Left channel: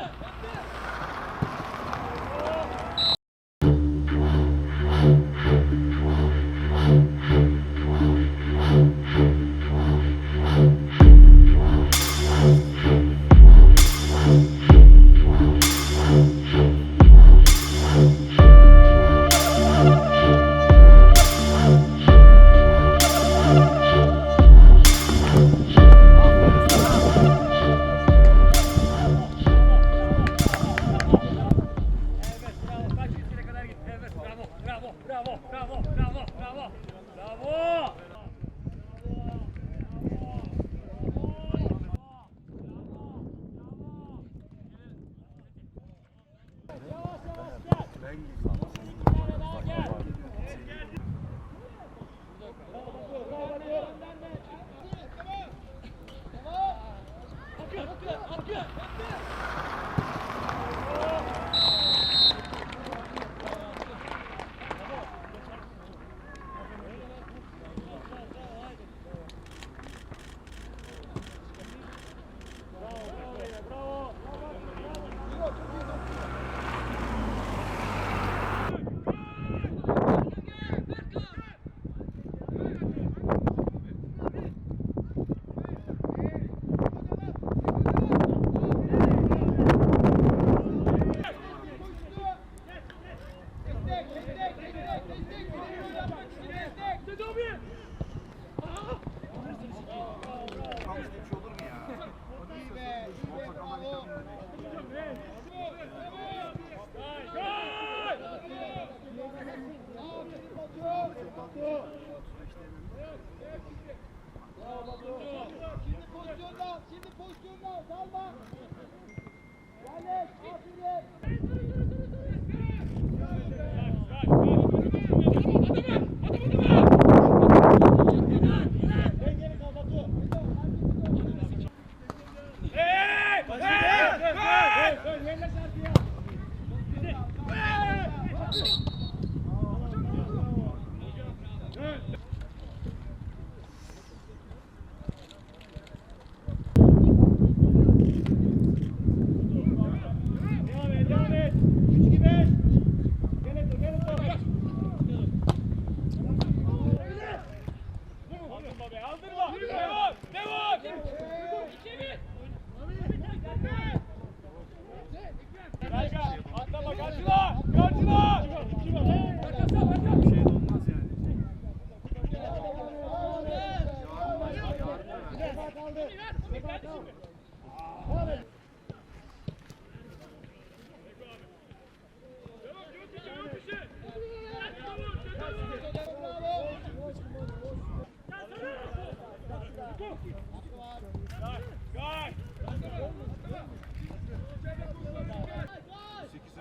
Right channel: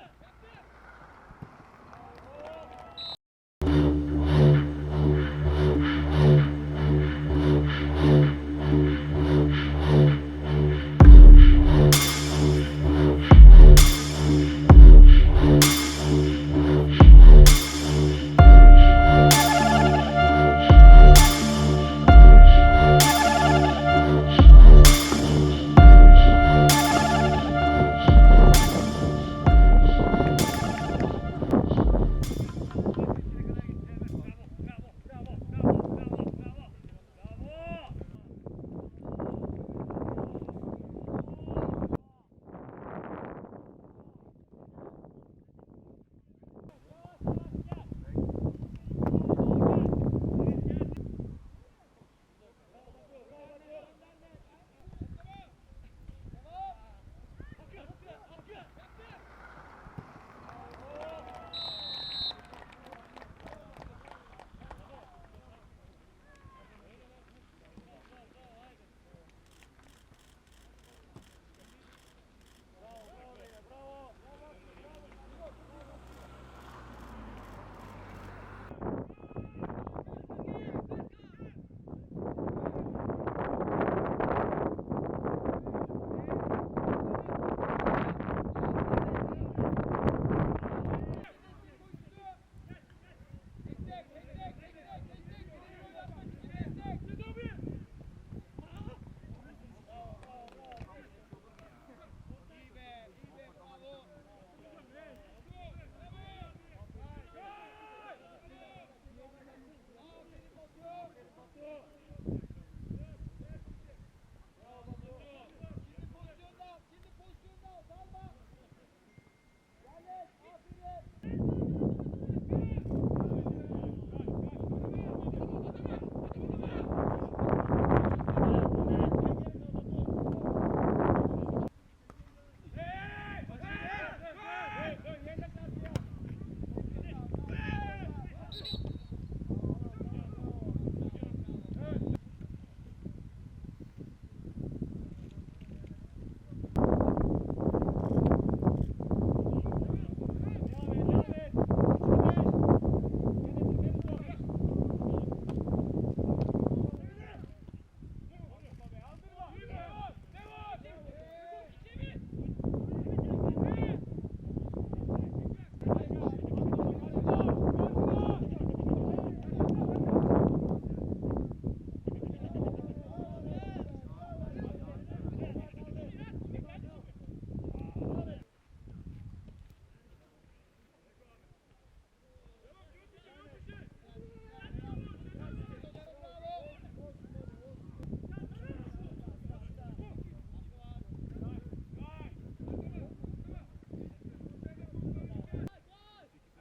That's it. Şimdi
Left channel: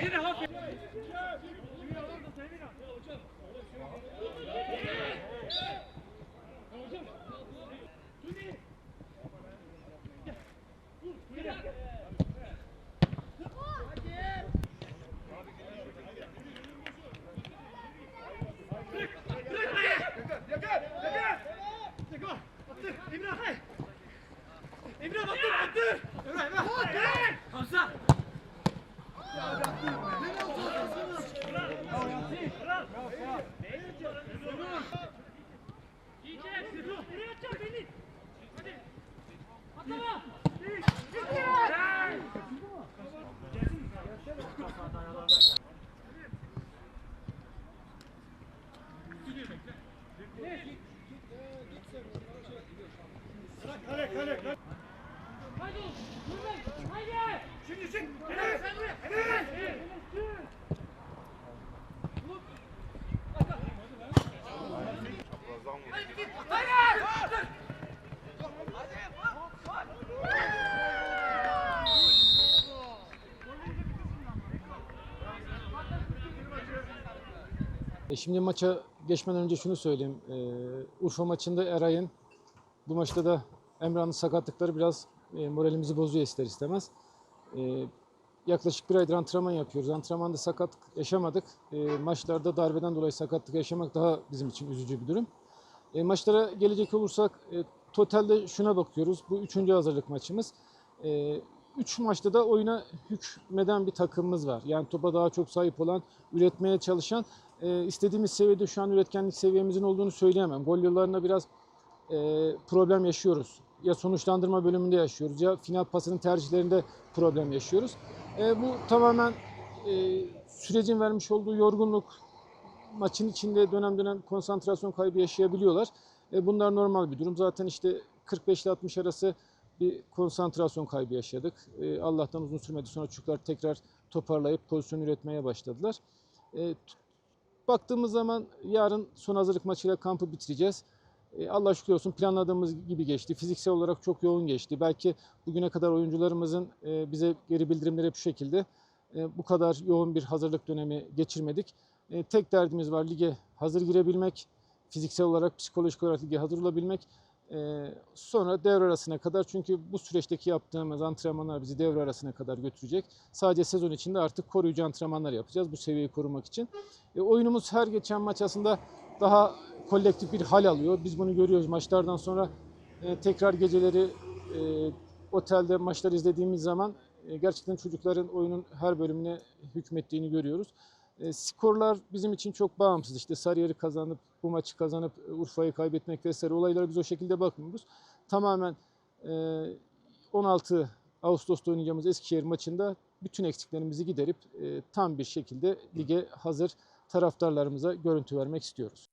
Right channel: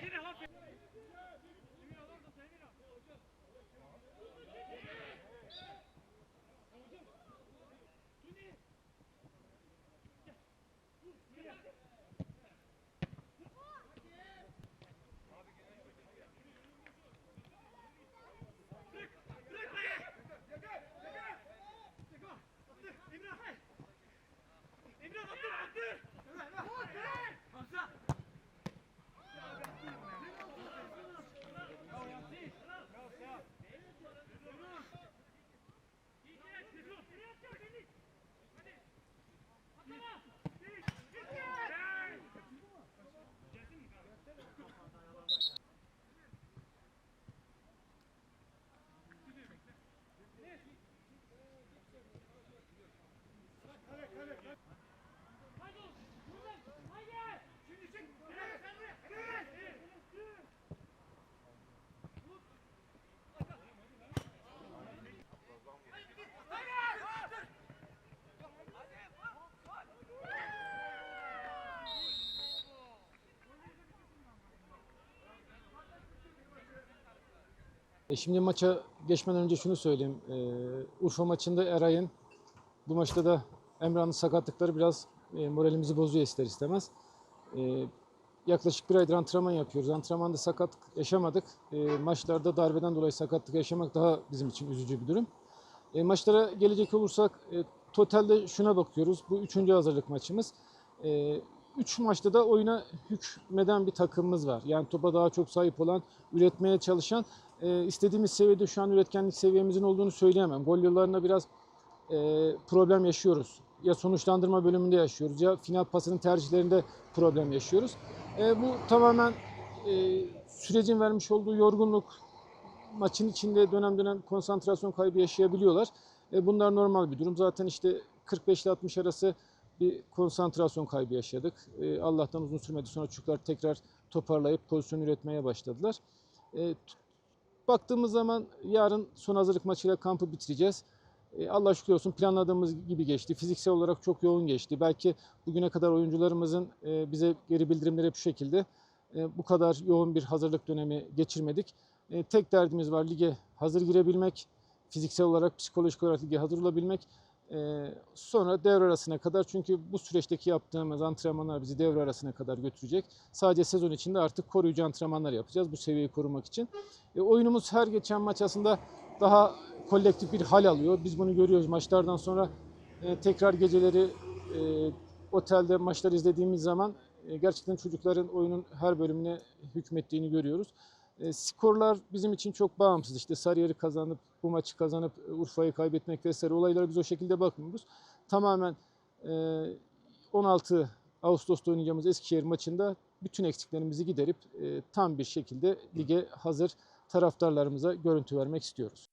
Get it home. E şimdi maça geçmeden önce şunu söyleyeyim. Ee, Urfa maçında Eray'ın bu maçta da Emrah'ın sakatlıkları biraz e, moralimizi bozuyor ister istemez. Ee, yaklaşık bir aydır antrenman yapıyoruz. Antrenmanda sakatlık yaşamadık. Ee, maçlarda darbeden dolayı sakatlık yaşamak daha bizim için üzücü bir durum. E, maçlara gelecek olursak e, totalde şuna bakıyoruz. Bu üçüncü hazırlık maçımız. E, üç maçta da oyuna hükmeden bir takımımız var. Yani topa daha çok sahip olan, üretmeye çalışan, e, istediğimiz seviyede şu an üretkenlik seviyemizin olduğunu söyleyemem. Gol yollarında biraz e, problem yaşıyoruz. Ya sonuçlandırma bölümünde yaşıyoruz ya final pasının tercihlerinde problem yaşıyoruz. E, bu tamamen e, sürecin vermiş olduğu yorgunluk, maçın içinde dönem dönem konsantrasyon kaybı yaşayabiliyorlar. E, bunlar normal bir durum. Zaten işte 45 ile 60 arası bir konsantrasyon kaybı yaşadık. E, Allah'tan uzun sürmedi. Sonra çocuklar tekrar toparlayıp pozisyon üretmeye başladılar. E, baktığımız zaman yarın son hazırlık maçıyla kampı bitireceğiz. E, Allah şükür olsun planladığımız gibi geçti. Fiziksel olarak çok yoğun geçti. Belki bugüne kadar oyuncularımızın e, bize geri bildirimleri şu şekilde. E, bu kadar yoğun bir hazırlık dönemi geçirmedik. E, tek derdimiz var lige hazır girebilmek, fiziksel olarak, psikolojik olarak lige hazır olabilmek. E, sonra devre arasına kadar çünkü bu süreçteki yaptığımız antrenmanlar bizi devre arasına kadar götürecek. Sadece sezon içinde artık koruyucu antrenmanlar yapacağız bu seviyeyi korumak için. E, oyunumuz her geçen maç aslında daha kolektif bir hal alıyor. Biz bunu görüyoruz maçlardan sonra e, tekrar geceleri e, otelde maçlar izlediğimiz zaman e, gerçekten çocukların oyunun her bölümüne hükmettiğini görüyoruz. E, skorlar bizim için çok bağımsız. İşte Sarıyer'i kazanıp, bu maçı kazanıp e, Urfa'yı kaybetmek vesaire olaylara biz o şekilde bakmıyoruz. Tamamen e, 16 Ağustos'ta oynayacağımız Eskişehir maçında bütün eksiklerimizi giderip e, tam bir şekilde lige hazır taraftarlarımıza görüntü vermek istiyoruz.